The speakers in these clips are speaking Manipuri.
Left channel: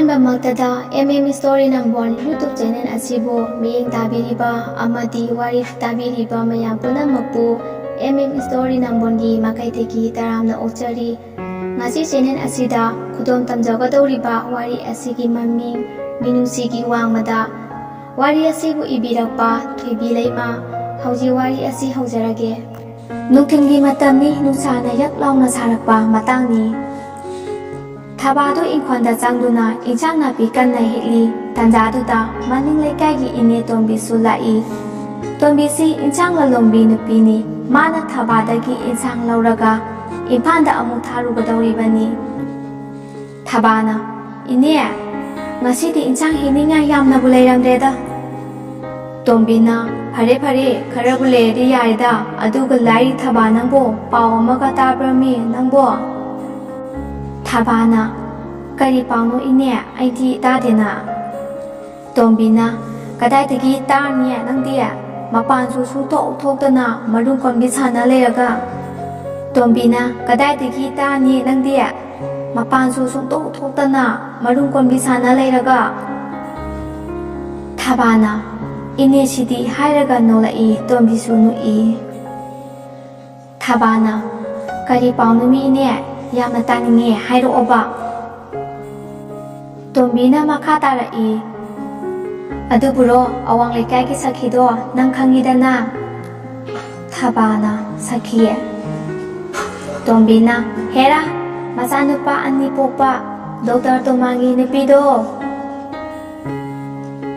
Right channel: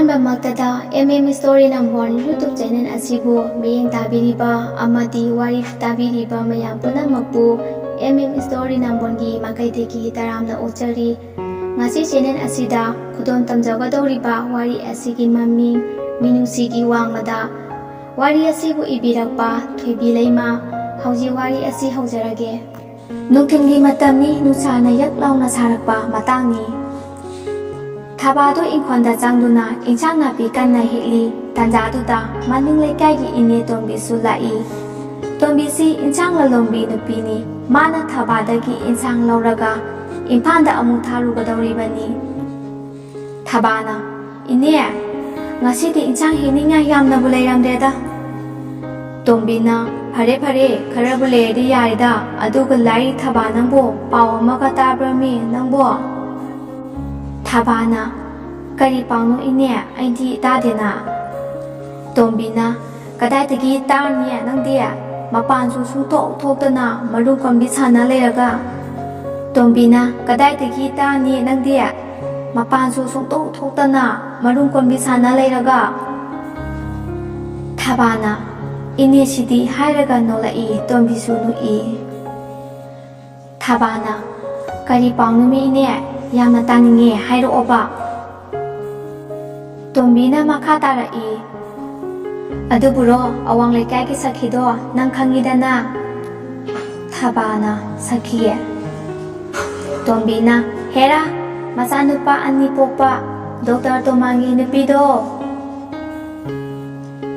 ꯑꯍꯥꯟꯕꯃꯛꯇꯗ Story Number 1 YouTube channel asibu miyeng tabiriba amadi wari tabiriba mayam punammakpu Story Number 1 gi makaiteki taramna ochari ngasi channel asida khudom tamjagadoriba wari asigi maming minusigi wangmada wari asibu ibirakpa thoibi leima hauji wari asi haujarage nungthimgi matamni nusana yak launa sarakpa matangni Thabado inkhonda changduna inchang napi kanna hitli tanjaduda maning leikaigi ine tombi sulai tombi si inchang lalombi nupini mana thabadagi inchang lauraga imphanda amu tharugadoribani thabana ine ngasidi inchang hininga yamna bulairamdeda tombina phare kharabu leri yarida aduga lai thabanangbo paw amaga tabrami nangbo Thabana kari pauno ine aidi dadena Tombina kadai tegi tarnia nangdia mapansu sungtok thokdana marung kombi sana leyaga Tombina kadai tegi tarni nangdia mapansu sungtok thokdana marung kombi sana leyaga Thabana ine sidi hairaga nolai tombi sunu I Thabana kari pauno mi ine Yamna taninge hairo oba Tombina makha tarai Aduburo awang lekai ki sakhido nang khangidana Thabana sakhiye Tombina hera masanupa anni pokpa Dr. Tomangi nupido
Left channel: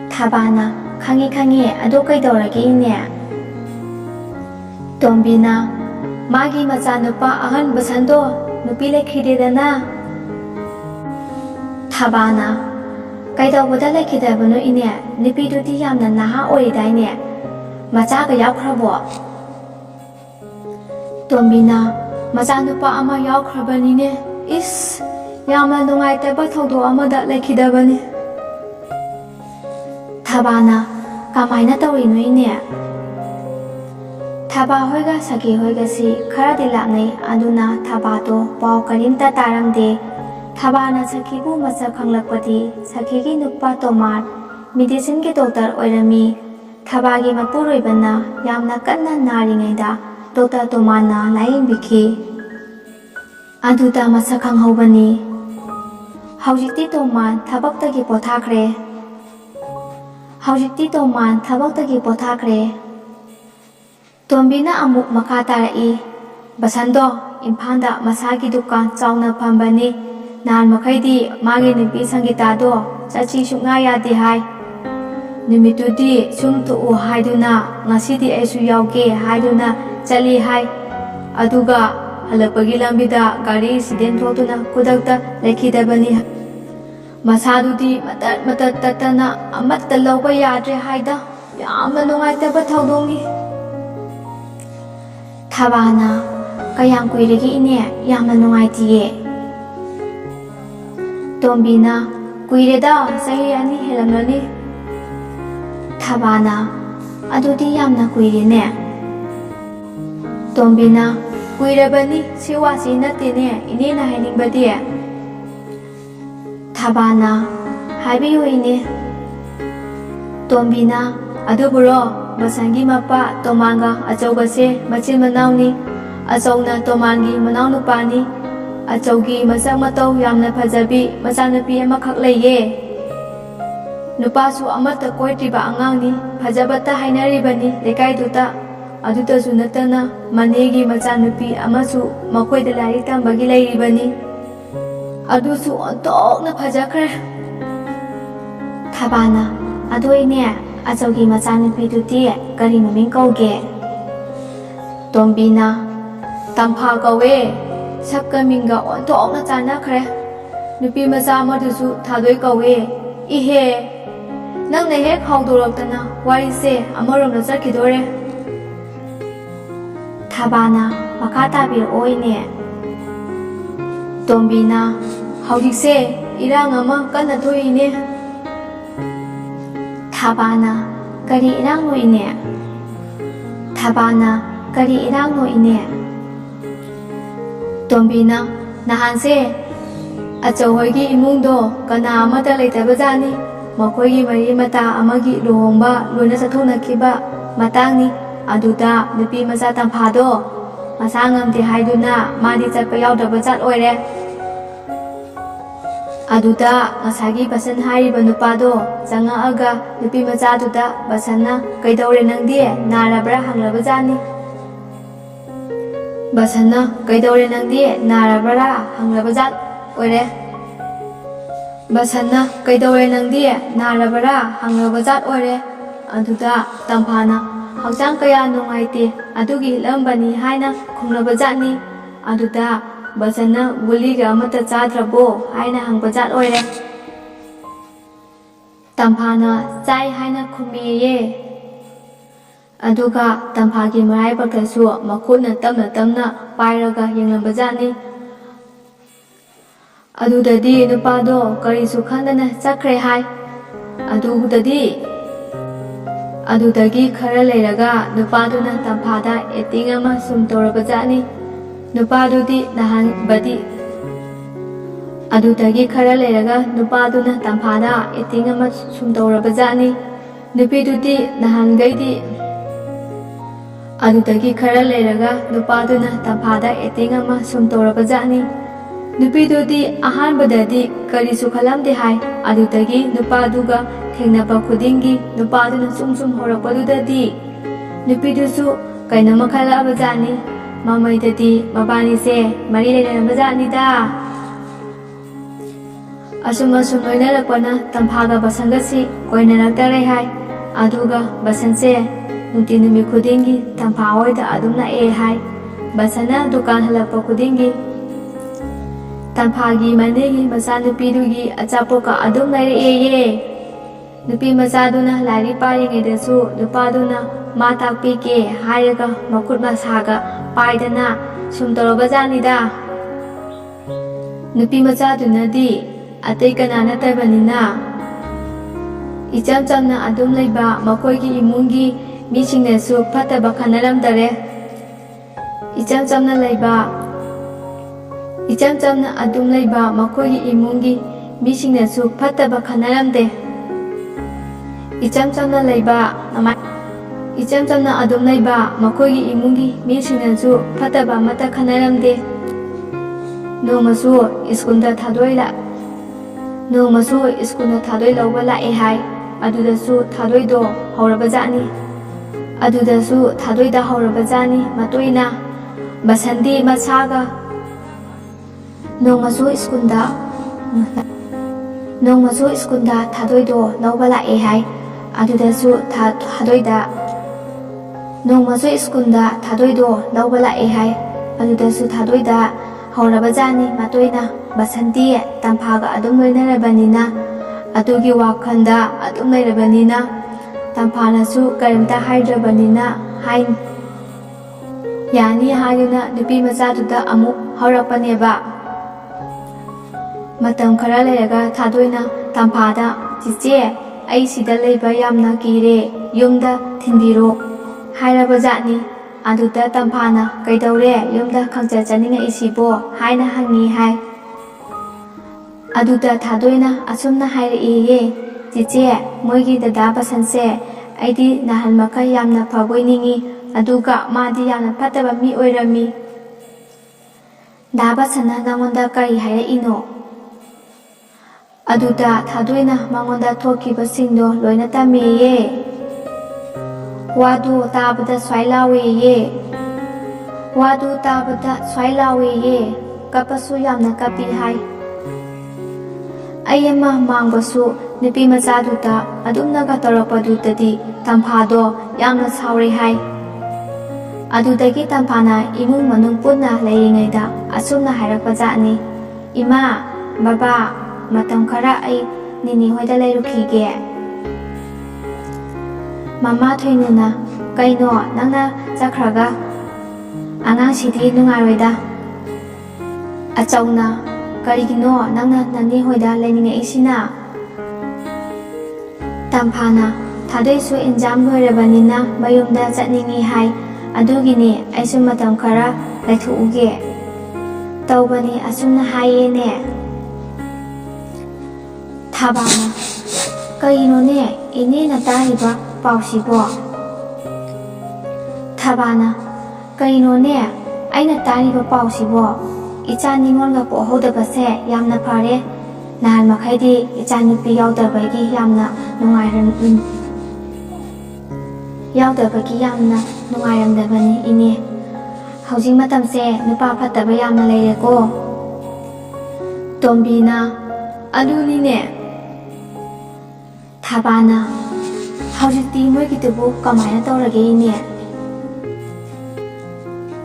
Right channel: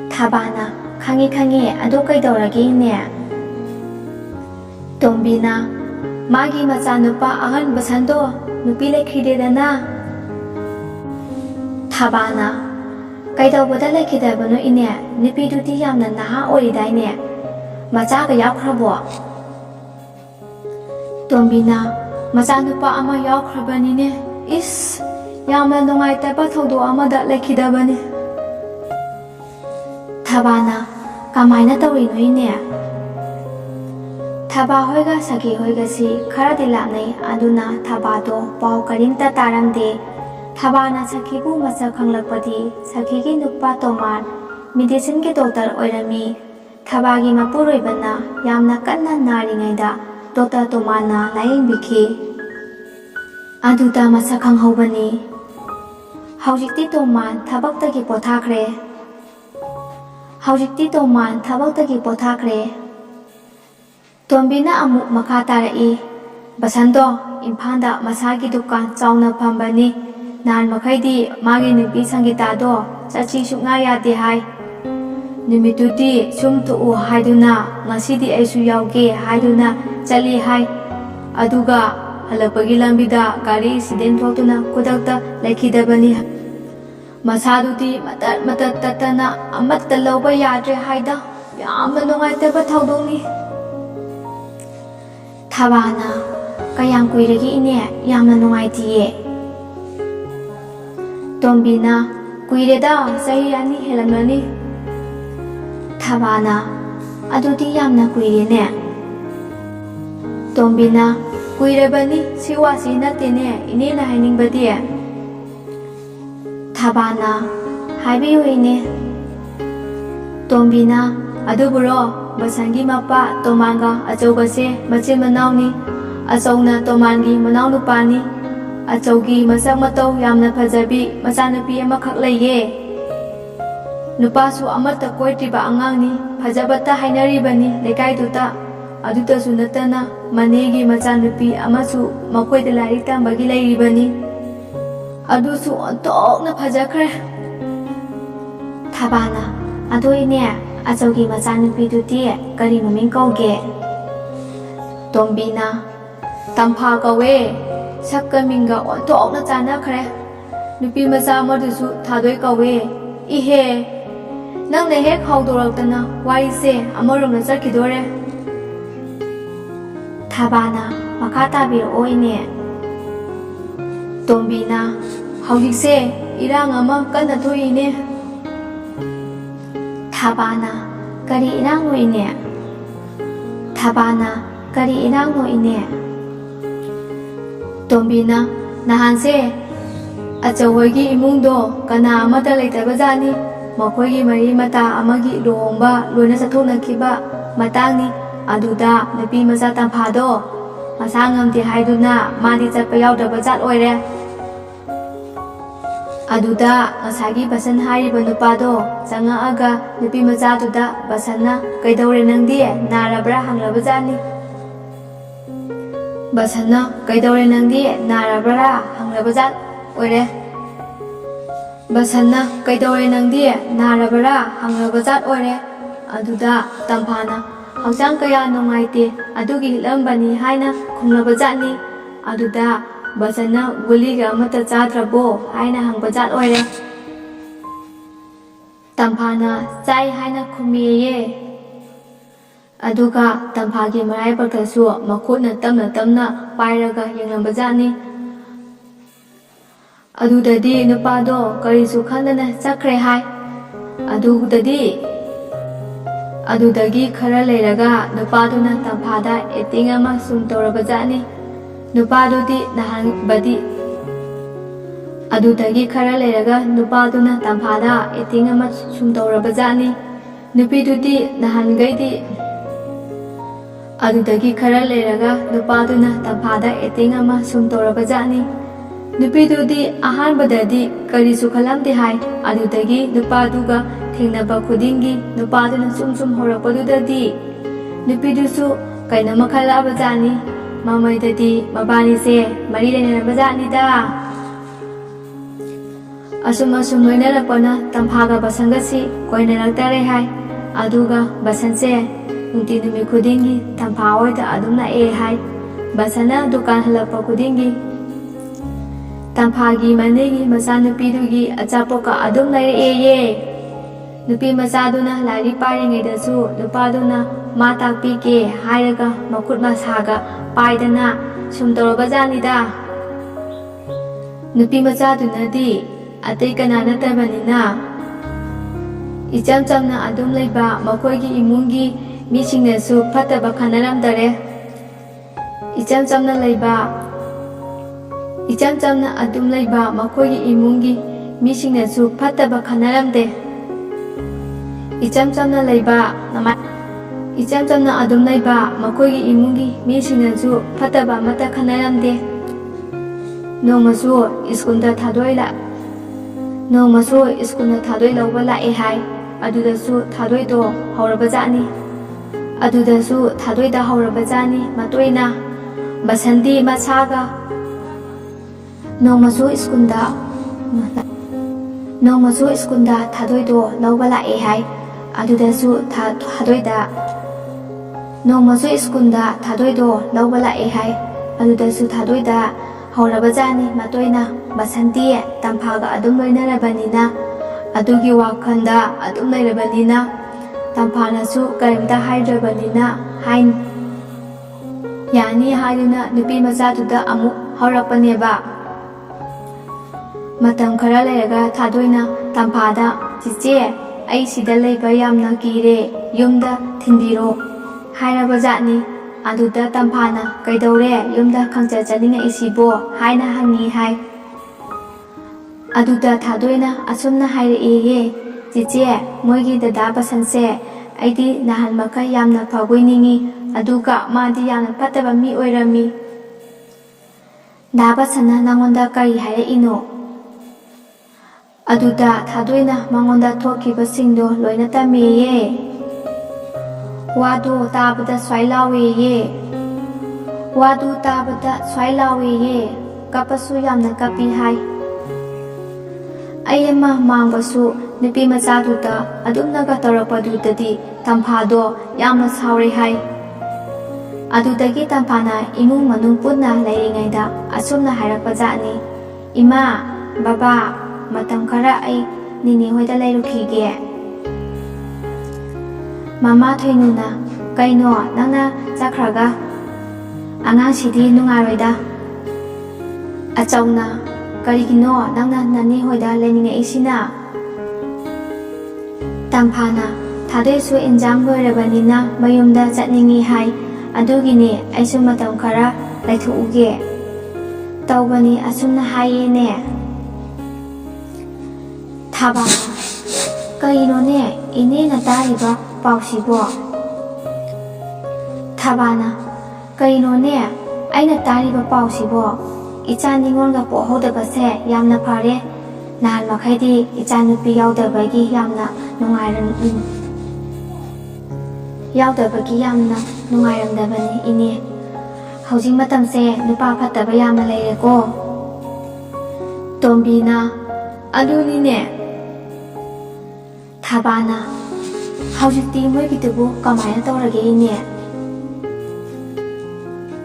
Thabana khangi adu kaidoragi ne Tombina magi masanupa ahan basando nupi lekhidedana Thabana kaidawada lekhidabanu ine nupi duti yamna naha oidaine macha ga yaukhrabo Tombina macha nupa ama yaukhrabani ne is yamna nungaitaba thodo amada lekhidabani Thabana kamaina tawrinu ine Thaba hoiga saki hoiga si khara dilapnai aduna thabado paw karimta taramde Thabana sakibu masa khanglakpadi sakigi nupa tomar medicine ge doctor oirami Thabagi mapuroibana yamna kanna naringaida Dr. Tomana laing biki aduda masa khanghobani haujikti toman thabaktagi pothakre haujikti toman thabaktagi pothakre Tombina amuk makha tarai Basando imphanda masagi dukan chauna phambani nan makhaidi magi nupi sangitado chachi sunga yade hai nimitudi sum thu haiduna ngasidi aisu yauge haiduna chali hai aduga halapagi lambida gari accident thotuna kudakta lekhidabani masadudi matat tatana amatta lawba yadre haida yamna nungaitaba thaudongni Thabana kayang kuiregi ine yamna nungaitiye Tombina kuireda sahi ani helamnani Thabana adudi yamna kuirine Tombina kuirabani siwasi natine ine na hainingbadi Thabana haibiyu ine Tombina aduburo Basangi mapa tomanga achogase machin manauni achogna tomangi manau nupani achogi masak matau yamna phajabi machanupi amakhak leiye nupasu amata koitriba angangni phajabata hainaribani lekaiduta adutasu natana manegi machanupi amasu makoida lari tambagi leiribani adusu ontokna phajakre Thabana adoine Achogi machanupi duti kari maming kauge Tombina tampha kawe sakka minga ontokna chanakhre nupi macha madusu thadoi kawe ihe nangna hek haudoraktana wari se amaromna chakhidore Thabana makha tabiro ine Tombina haujikse irang ama kanna thoine Thabana kari irang no ine Thabana kari irang no ine Tombina nahanse ꯑꯆꯧꯍꯣꯏꯒꯤ ꯏꯃꯨꯡꯗꯣ ꯀꯅꯥ ꯑꯃꯠꯇ ꯂꯩꯇꯕꯖꯥꯠꯅꯤ꯫ ꯃꯈꯣꯏꯒꯤ ꯃꯔꯤ ꯃꯇꯥ ꯑꯃꯒꯤ ꯂꯨꯍꯣꯡꯕ ꯂꯣꯏꯅ ꯆꯠꯊꯣꯛꯅꯈꯤꯕ ꯃꯇꯥꯡꯅꯤ꯫ ꯑꯗꯨꯗ ꯅꯨꯄꯤ ꯃꯆꯥ ꯇꯝꯐꯥꯗꯣ ꯃꯁꯥ ꯉꯝꯗꯦ ꯍꯥꯏꯗꯨꯅ ꯃꯥꯗꯤ ꯆꯠꯄ ꯌꯥꯎꯗꯕꯖꯥꯠ ꯑꯣꯏꯔꯦ꯫ ꯑꯗꯨꯗ ꯉꯁꯥꯏꯒꯤ ꯕꯁꯟ ꯍꯥꯏꯔꯤꯕ ꯅꯨꯄꯥꯗꯣ ꯆꯪꯉꯛꯑꯒ ꯅꯨꯄꯤ ꯃꯆꯥꯗꯨꯗ ꯕꯁꯟꯅ "ꯀꯩꯗꯧꯔꯦ ꯅꯪꯗꯤ ꯅꯥꯔꯕ꯭ꯔꯥ?" ꯍꯪꯂꯕꯖꯥꯠꯅꯤ꯫ ꯕꯁꯟꯅ "ꯀꯩꯗꯧꯔꯦ ꯅꯪꯗꯤ ꯅꯥꯔꯕ꯭ꯔꯥ?" ꯍꯪꯂꯕꯖꯥꯠ ꯑꯣꯏꯔꯦ꯫ ꯕꯁꯟꯅ "ꯀꯩꯗꯧꯔꯦ ꯅꯪꯗꯤ ꯅꯥꯔꯕ꯭ꯔꯥ?" ꯍꯪꯂꯕꯖꯥꯠ ꯑꯣꯏꯔꯦ꯫ ꯑꯗꯨꯗ ꯇꯝꯐꯥꯅ "ꯍꯛꯆꯥꯡ ꯀꯌꯥ ꯅꯨꯡꯉꯥꯏꯇꯦ ꯑꯗꯨꯒꯤ ꯍꯤꯠꯂꯝꯕꯅꯤ" ꯍꯥꯏꯅ ꯈꯨꯝꯂꯕꯖꯥꯠꯅꯤ꯫ ꯑꯗꯨꯗ ꯕꯁꯟꯅ "ꯒꯨꯂꯤꯒ ꯑꯃꯠꯇ ꯆꯥꯗ꯭ꯔꯕꯣ?" ꯍꯥꯏꯅ ꯍꯪꯕꯖꯥꯠ ꯑꯣꯏꯔꯦ꯫ ꯇꯝꯐꯥꯅ "ꯆꯥꯏ" ꯍꯥꯏꯅ ꯈꯨꯝꯃꯦꯌꯦ꯫ ꯑꯗꯨꯒ ꯇꯝꯐꯥꯒꯤ ꯃꯔꯥꯏꯕꯛꯇꯁꯨ ꯃꯈꯨꯠꯅ ꯇꯞꯅ ꯇꯞꯅ ꯄꯥꯏꯔꯒ ꯌꯦꯡꯂꯝꯕꯖꯥꯠꯅꯤ꯫ ꯑꯗꯨꯗꯗꯤ ꯅꯨꯄꯥꯗꯣ ꯀꯔꯤꯁꯨ ꯈꯪꯗꯅ ꯆꯠꯈ꯭ꯔꯦ ꯍꯥꯏ꯫ ꯑꯗꯨꯗꯒꯤ ꯈꯔ ꯂꯩꯔꯒ ꯅꯨꯄꯥꯗꯨꯅ ꯇꯝꯐꯥꯗ ꯑꯦꯛꯇꯤꯡ ꯑꯃ ꯁꯨꯝ ꯇꯧꯔꯕꯖꯥꯠꯅꯤ꯫ ꯅꯨꯄꯤꯗꯨꯗꯤ ꯅꯍꯥꯟꯒꯩꯗꯤ ꯑꯍꯥꯟꯕꯗꯗꯤ ꯀꯔꯤꯁꯨ ꯈꯜꯂꯝꯗꯦ ꯍꯥꯏ꯫ ꯑꯗꯨꯗꯒꯤ ꯅꯨꯄꯥꯗꯨꯒ ꯊꯦꯡꯅꯕ ꯈꯨꯗꯤꯡꯒꯤ ꯅꯨꯄꯥꯗꯨꯅ ꯁꯨꯝ ꯍꯧꯔꯛꯄꯗꯨꯗꯗꯤ ꯅꯨꯄꯤꯗꯨꯁꯨ ꯀꯩꯅꯣꯝꯃ ꯈꯜꯂꯛꯑꯕꯖꯥꯠꯅꯤ꯫ ꯃꯃꯩꯗꯗꯤ ꯃꯕꯥꯅꯤꯁꯦ ꯃꯔꯤ ꯂꯩꯅꯔꯝꯕꯖꯥꯠꯅꯤꯗ꯫ ꯑꯁꯨꯝ ꯂꯣꯏꯅꯔꯛꯄꯅ ꯇꯝꯐꯥꯒ ꯕꯁꯟꯒꯁꯤ ꯀꯣꯏꯅꯔꯛꯇꯔꯦ ꯍꯥꯏ꯫ ꯑꯗꯨꯒ ꯕꯁꯟꯁꯦ ꯅꯨꯡꯇꯤ ꯅꯨꯃꯤꯠ ꯈꯨꯗꯤꯡꯒꯤ ꯇꯝꯐꯥ ꯍꯣꯏꯗ ꯑꯗꯨꯝ ꯂꯥꯛꯑꯦ ꯍꯥꯏ꯫ ꯕꯁꯟꯅ ꯗꯨꯀꯥꯟ ꯍꯜꯂꯛꯄ ꯈꯨꯗꯤꯡꯒꯤ ꯇꯝꯐꯥꯒꯤ ꯃꯅꯦꯒꯤ ꯃꯆꯥꯅꯨꯄꯤꯗꯨꯒꯤ ꯑꯆꯥꯄꯣꯠꯀ ꯑꯗꯨꯝ ꯂꯩꯔꯛꯑꯦꯌꯦ꯫ ꯅꯨꯄꯤ ꯃꯆꯥꯗꯨꯅ ꯂꯥꯏꯔꯤꯛ ꯄꯥꯔꯤꯉꯩꯗꯁꯨ ꯅꯨꯄꯥꯗꯨꯅ "ꯃꯥ ꯇꯥꯛꯄꯤꯒꯦ" ꯍꯥꯏꯔꯒ ꯃꯈꯨꯠ ꯃꯁꯥꯒ ꯄꯥꯏꯗꯅ ꯁꯨꯝ ꯇꯧꯔꯕꯖꯥꯠꯅꯤꯗ꯫ ꯅꯨꯄꯤ ꯃꯆꯥꯗꯨꯅꯗꯤ ꯑꯇꯩ ꯀꯅꯥ ꯅꯠꯇꯕꯅꯤꯅ ꯏꯆꯝ ꯆꯝꯅ ꯑꯗꯨꯝ ꯂꯩꯕ ꯃꯈꯣꯏꯒꯤ ꯏꯃꯨꯡꯒꯤ ꯃꯤꯁꯤꯡꯅꯁꯨ ꯐꯠꯇꯕ ꯈꯟꯅꯔꯝꯗꯔꯦ꯫ ꯏꯆꯝ ꯆꯝꯅ ꯑꯗꯨꯝ ꯂꯩꯕ ꯃꯈꯣꯏꯒꯤ ꯏꯃꯨꯡꯒꯤ ꯃꯤꯁꯤꯡꯅꯁꯨ ꯐꯠꯇꯕ ꯈꯟꯅꯔꯝꯗꯦ꯫ ꯏꯆꯝ ꯆꯝꯅ ꯑꯗꯨꯝ ꯂꯩꯕ ꯃꯈꯣꯏꯒꯤ ꯏꯃꯨꯡꯒꯤ ꯃꯤꯁꯤꯡꯅꯁꯨ ꯐꯠꯇꯕ ꯑꯃꯠꯇ ꯈꯟꯅꯔꯝꯗꯦ꯫ ꯅꯣꯡꯃꯁꯨ ꯁ꯭ꯀꯨꯜꯗ ꯊꯥꯗꯣꯏ ꯂꯧꯕ ꯂꯥꯛꯑꯦ ꯍꯥꯏ꯫ ꯑꯗꯨꯗꯁꯨ ꯊꯥꯗꯣꯏꯗ ꯍꯧꯔꯕꯖꯥꯠꯅꯤ ꯃꯇꯣꯏꯅ꯫ ꯕꯁꯟꯗꯤ ꯃꯁꯥꯒ ꯅꯣꯡꯃꯁꯨ ꯁ꯭ꯀꯨꯜꯗ ꯊꯥꯗꯣꯏꯗꯣ ꯂꯧꯕ ꯂꯥꯛꯑꯦ ꯍꯥꯏ꯫ ꯑꯗꯨꯗꯁꯨ ꯊꯥꯗꯣꯏꯗ ꯍꯧꯔꯕꯖꯥꯠꯅꯤ ꯃꯇꯣꯏꯅ꯫ ꯕꯁꯟꯗꯤ ꯇꯝꯐꯥꯒ ꯑꯗꯨꯝ ꯂꯣꯏꯅꯔꯕꯅꯤꯅ, ꯑꯗꯨꯒꯤ ꯋꯥꯈꯜꯗ ꯑꯗꯨꯝ ꯂꯩꯔꯕꯅꯤꯅ, ꯇꯝꯐꯥꯅꯁꯨ ꯀꯔꯤꯝꯇ ꯍꯥꯏꯗ꯭ꯔꯕꯅꯤꯅ ꯌꯥꯅꯤ ꯍꯥꯏꯗꯨꯅ ꯅꯨꯄꯤ ꯃꯆꯥꯗꯨꯗ ꯑꯃꯨꯛ ꯍꯧꯔꯛꯄꯅꯦꯕ꯫ ꯃꯇꯝ ꯈꯔ ꯂꯩꯔꯒ ꯊꯥꯗꯣꯏꯅ ꯇꯝꯐꯥꯗ "ꯆꯤꯆꯦ, ꯑꯩ ꯁꯤꯗ ꯂꯩꯕ ꯌꯥꯝꯅ ꯀꯤꯔꯦ, ꯌꯨꯝꯗ ꯊꯤꯟꯕꯤꯔꯣ" ꯍꯥꯏꯔꯕꯖꯥꯠꯅꯤ꯫ ꯑꯗꯨꯗ ꯇꯝꯐꯥꯅ "ꯀꯩꯗꯧꯔꯦ ꯌꯨꯝꯗ ꯈꯪꯆꯠ ꯆꯠꯅꯤꯡꯉꯛꯏꯁꯤꯕꯣ" ꯍꯥꯏꯅ ꯍꯪꯉꯤ ꯍꯥꯏ꯫ ꯑꯗꯨꯗ ꯊꯥꯗꯣꯏꯅ ꯑꯁꯨꯝꯅ ꯍꯥꯏꯔꯛꯑꯦꯌꯦ, "ꯆꯤꯆꯦ, ꯃꯣꯏꯒꯤ ꯗꯗꯥ ꯕꯁꯟꯁꯦ ꯑꯩꯗꯤ ꯅꯍꯥꯟ ꯃꯈꯩ ꯌꯥꯝꯅ ꯐꯕꯣꯏ ꯅꯤꯡꯏ, ꯑꯗꯨꯒ ꯃꯥꯗꯤ ꯌꯥꯝꯅ ꯐꯠꯇꯕ ꯃꯤ ꯑꯣꯏꯔꯝꯃꯤ꯫ ꯗꯥ ꯕꯁꯟꯅ ꯅꯉꯣꯟꯗ ꯀꯔꯤ ꯍꯥꯏꯔꯛꯏꯅꯣ?" ꯑꯗꯨꯗ ꯊꯥꯗꯣꯏꯅ ꯃꯉꯣꯟꯗ ꯊꯣꯛꯈꯤꯕꯁꯤꯡꯗꯣ ꯂꯣꯏꯅ ꯇꯝꯃꯦꯌꯦ꯫ ꯋꯥꯗꯨ ꯇꯥꯕꯗ ꯁ꯭ꯋꯥꯏ ꯂꯥꯎꯋꯦꯌꯦ꯫ ꯀꯞꯄꯁꯨ ꯌꯥꯝꯅ ꯀꯞꯄꯤ ꯍꯥꯏ꯫ ꯑꯩ ꯑꯃ ꯃꯥꯡꯕꯁꯨ ꯅꯨꯄꯤ ꯃꯆꯥꯗꯨꯗ ꯑꯗꯨꯝꯅꯒ ꯇꯧꯔꯛꯄꯗꯨꯗꯗꯤ ꯇꯝꯐꯥꯗꯣ ꯌꯥꯝꯅ ꯁꯥꯎꯔꯦ ꯍꯥꯏ꯫ ꯑꯗꯨꯗꯒꯤ ꯇꯝꯐꯥꯅ ꯏꯃꯨꯡ ꯃꯅꯨꯡ ꯄꯨꯟꯅ ꯂꯩꯔꯤꯉꯩꯗ ꯑꯁꯨꯝꯅ ꯍꯥꯏꯔꯛꯄꯖꯥꯠꯅꯤ, "ꯏꯃꯥ, ꯕꯕꯥ, ꯃꯇꯝ ꯈꯔ ꯑꯩ ꯅꯤꯅꯦ ꯍꯣꯏꯗ ꯂꯩꯔꯨꯈꯤꯒꯦ"꯫ ꯃꯃꯥ ꯊꯣꯏꯅꯨꯅ "ꯀꯩꯅꯣ ꯅꯪꯅ ꯆꯠꯈ꯭ꯔꯒ? ꯑꯉꯥꯡꯁꯤꯗꯤ ꯅꯨꯡꯉꯥꯏꯔꯣꯏꯗ"꯫ ꯑꯆꯧꯅ "ꯀꯔꯤꯒꯤꯅꯣ ꯅꯪꯅ ꯅꯅꯦ ꯍꯣꯏꯗ ꯂꯩꯅꯤꯡꯉꯛꯏꯁꯤꯅ?" ꯇꯝꯐꯥꯅ "ꯊꯥꯗꯣꯏꯁꯨ ꯑꯦꯛꯖꯥꯝ ꯂꯣꯏꯔꯕꯅꯤꯅ ꯃꯌꯨꯝꯗ ꯆꯠꯅꯤꯡꯉꯤ ꯍꯥꯏ, ꯑꯗꯨꯒꯤꯅꯦ ꯑꯩꯁꯨ ꯃꯇꯝ ꯈꯔ ꯂꯩꯊꯣꯛꯎꯒꯦ ꯇꯧꯕꯅꯤ, ꯑꯁꯨꯝꯅ ꯍꯥꯏꯌꯦꯅꯦ"꯫ ꯊꯥꯕꯥꯅ ꯀꯩꯅꯣꯅꯦ ꯏꯅꯦꯅ ꯇꯥꯔꯤꯕ ꯄꯥꯎꯁꯤꯕꯣ? ꯊꯥꯕꯥꯅ ꯀꯩꯅꯣꯅꯦ ꯑꯩꯅ ꯇꯥꯔꯤꯕ ꯄꯥꯎꯁꯤꯕꯣ? ꯏꯆꯥ ꯅꯤꯉꯣꯜꯒ ꯄꯣꯛꯍꯧꯗꯕꯁꯦ ꯌꯥꯝꯅ ꯐꯔꯦ. ꯅꯍꯥꯟ ꯃꯈꯩꯗꯤ ꯏꯆꯥ ꯅꯨꯄꯤ ꯌꯥꯎꯗꯕꯒꯤ ꯌꯥꯝꯅ ꯅꯨꯡꯉꯥꯏꯔꯝꯗꯕꯅꯤ ꯏꯅꯦ. ꯍꯧꯖꯤꯛ ꯃꯇꯝꯁꯦ ꯅꯨꯄꯥ ꯐꯠꯇꯕ ꯌꯥꯝꯅ ꯂꯩꯔꯦꯀꯣ. ꯇꯣꯝꯕꯤꯅ ꯑꯗꯨꯅꯤꯅꯦ. ꯊꯥꯕꯥꯅ ꯍꯧꯖꯤꯛꯇꯤ ꯃꯣꯏꯒꯤꯗꯨꯕꯨ ꯀꯃꯥꯏꯅ ꯇꯧꯔꯒꯦ ꯏꯅꯦ?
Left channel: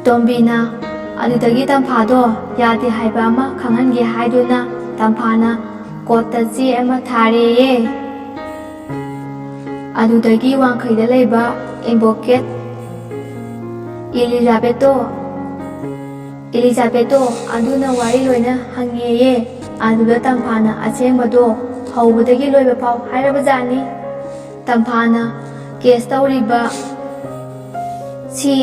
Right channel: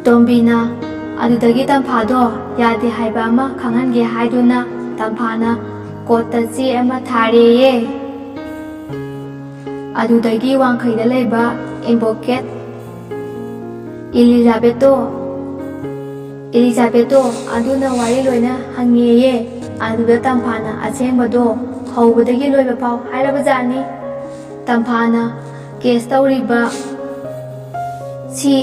ꯇꯣꯝꯕꯤꯅ ꯑꯗꯨꯗꯒꯤ ꯇꯝꯐꯥꯗꯣ ꯌꯥꯗꯦ ꯍꯥꯏꯕ ꯑꯃ ꯈꯪꯍꯟꯒꯦ ꯍꯥꯏꯗꯨꯅ ꯇꯝꯐꯥꯅ ꯀꯣꯔꯠꯇ ꯆꯦ ꯑꯃ ꯊꯥꯔꯦꯌꯦ. ꯑꯗꯨꯗꯒꯤ ꯋꯥꯡꯈꯩꯗ ꯂꯩꯕ ꯑꯦꯗꯚꯣꯀꯦꯠ ꯏꯂꯤꯖꯥꯕꯦꯠꯇꯣ ꯑꯗꯨꯅ ꯋꯥꯔꯤ ꯂꯣꯏꯅ ꯍꯪꯉꯦꯌꯦ. ꯑꯗꯨꯗ ꯇꯝꯐꯥꯅ ꯑꯁꯦꯡꯕꯗꯣ ꯍꯧꯕꯗꯒꯤ ꯂꯣꯏꯕ ꯐꯥꯎ ꯍꯥꯏꯔꯕꯖꯥꯠꯅꯤ. ꯇꯝꯐꯥꯅ ꯀꯦꯁ ꯇꯧꯔꯤꯕ ꯁꯤ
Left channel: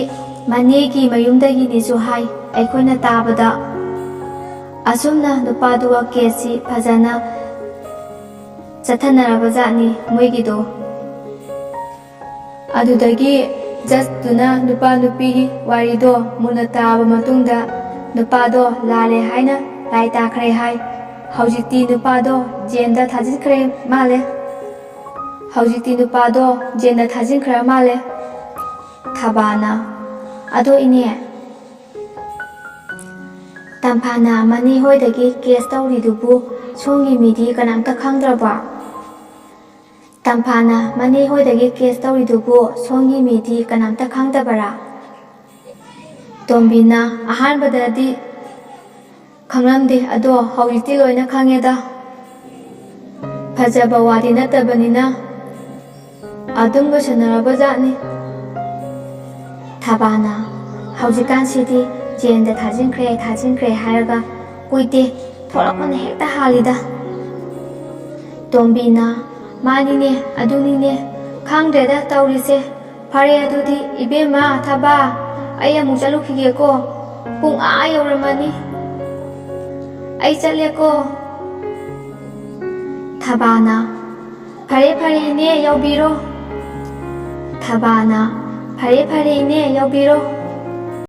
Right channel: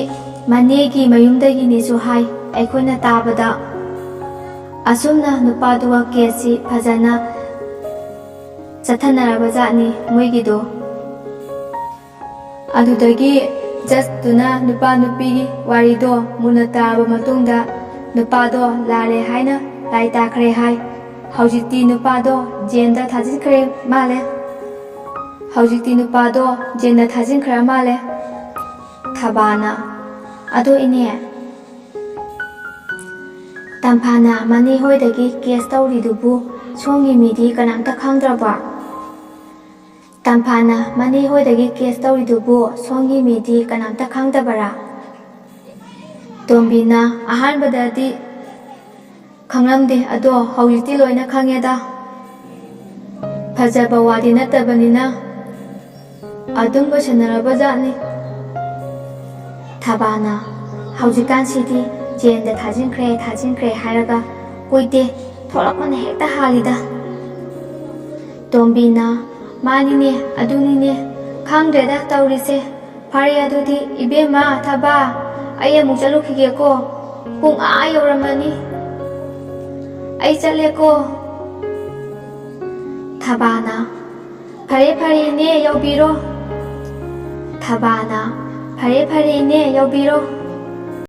ꯃꯅꯦꯒꯤ ꯃꯌꯨꯝꯗꯒꯤꯅꯦꯁꯨ ꯍꯥꯏ. ꯑꯩꯈꯣꯏꯅ ꯇꯥꯕꯗ ꯑꯁꯨꯝꯅ ꯅꯨꯄꯥꯗꯨꯒ ꯀꯦꯁꯁꯤ ꯐꯖꯅ ꯆꯠꯊꯅꯔꯕꯖꯥꯠꯅꯤ ꯃꯣꯏꯒꯤꯗꯣ. ꯑꯗꯨꯗꯒꯤ ꯖꯁꯇꯨꯅ ꯅꯨꯄꯥ ꯅꯨꯄꯤꯒꯤ ꯋꯥꯔꯤꯗꯣ ꯃꯨꯟꯅ ꯇꯥꯕ ꯃꯇꯨꯡꯗ ꯅꯨꯄꯥꯗꯣ ꯂꯥꯜꯂꯦ ꯍꯥꯏꯅ ꯔꯥꯏ ꯇꯥꯈ꯭ꯔꯦ ꯍꯥꯏ. ꯍꯧꯖꯤꯛꯇꯤ ꯅꯨꯄꯥꯗꯣ ꯖꯦꯜꯗ ꯊꯥꯖꯤꯟꯈ꯭ꯔ ꯃꯥꯜꯂꯦ. ꯊꯥꯕꯥꯅ ꯑꯗꯣ ꯏꯅꯦ, ꯇꯝꯐꯥꯅ ꯃꯅꯦ ꯍꯣꯏꯗꯒꯤ ꯀꯦꯁ ꯇꯧꯔꯤꯗꯨꯕꯨ ꯁꯣꯝꯒꯤ ꯃꯤꯗꯤ ꯀꯅꯥꯝꯇ ꯈꯪꯗ꯭ꯔꯕꯣ? ꯇꯝꯐꯥꯅ ꯃꯅꯦ ꯍꯣꯏꯗꯒꯤ ꯀꯦꯁ ꯇꯧꯔꯤꯗꯨꯕꯨ ꯁꯣꯝꯒꯤ ꯃꯤꯗꯤ ꯀꯅꯥꯝꯇ ꯈꯪꯗꯕꯔꯥ? ꯇꯣꯝꯕꯤꯅ ꯑꯍꯥꯟꯕꯗꯗꯤ ꯈꯪꯂꯝꯗꯦ, ꯑꯗꯣ ꯍꯧꯖꯤꯛꯇꯤ ꯂꯣꯏꯅ ꯈꯪꯉꯦꯗ. ꯐꯖꯕ ꯋꯥꯗꯤ ꯅꯠꯇꯕꯅꯤꯅ ꯑꯗꯨꯝ ꯂꯣꯏꯁꯟꯅꯔꯕꯖꯥꯠꯅꯤ. ꯊꯥꯕꯥꯅ ꯍꯧꯖꯤꯛꯀꯥꯟꯁꯤꯗꯤ ꯖꯦꯜꯗ ꯊꯥꯖꯤꯟꯈ꯭ꯔꯦ ꯍꯥꯏꯔꯒ ꯀꯨꯏꯗꯦ ꯊꯣꯛꯂꯛꯄꯅ ꯍꯦꯛꯇ ꯍꯥꯜꯂꯤꯗ. ꯇꯣꯝꯕꯤꯅ ꯃꯥꯅꯤꯅꯦ, ꯑꯗꯨꯅꯤꯅꯦ, ꯈꯪꯗ꯭ꯔꯦꯗ ꯇꯧꯔꯤꯁꯦ. ꯐꯔꯦ ꯑꯗꯨꯗꯤ ꯏꯕꯦꯝꯃ ꯊꯥꯕꯥ, ꯑꯩ ꯑꯃꯨꯛ ꯆꯠꯂꯨꯈꯤꯒꯦꯀꯣ. ꯄꯨꯡ ꯌꯧꯔꯝꯃꯅꯤ. ꯑꯩ ꯆꯠꯂꯦꯀꯣ. ꯊꯥꯕꯥꯅ ꯐꯔꯦ ꯏꯅꯦ ꯌꯧꯕꯤꯔꯣ. ꯊꯥꯕꯥꯅ ꯐꯔꯦ ꯏꯅꯦ ꯌꯧꯕꯤꯔꯣ.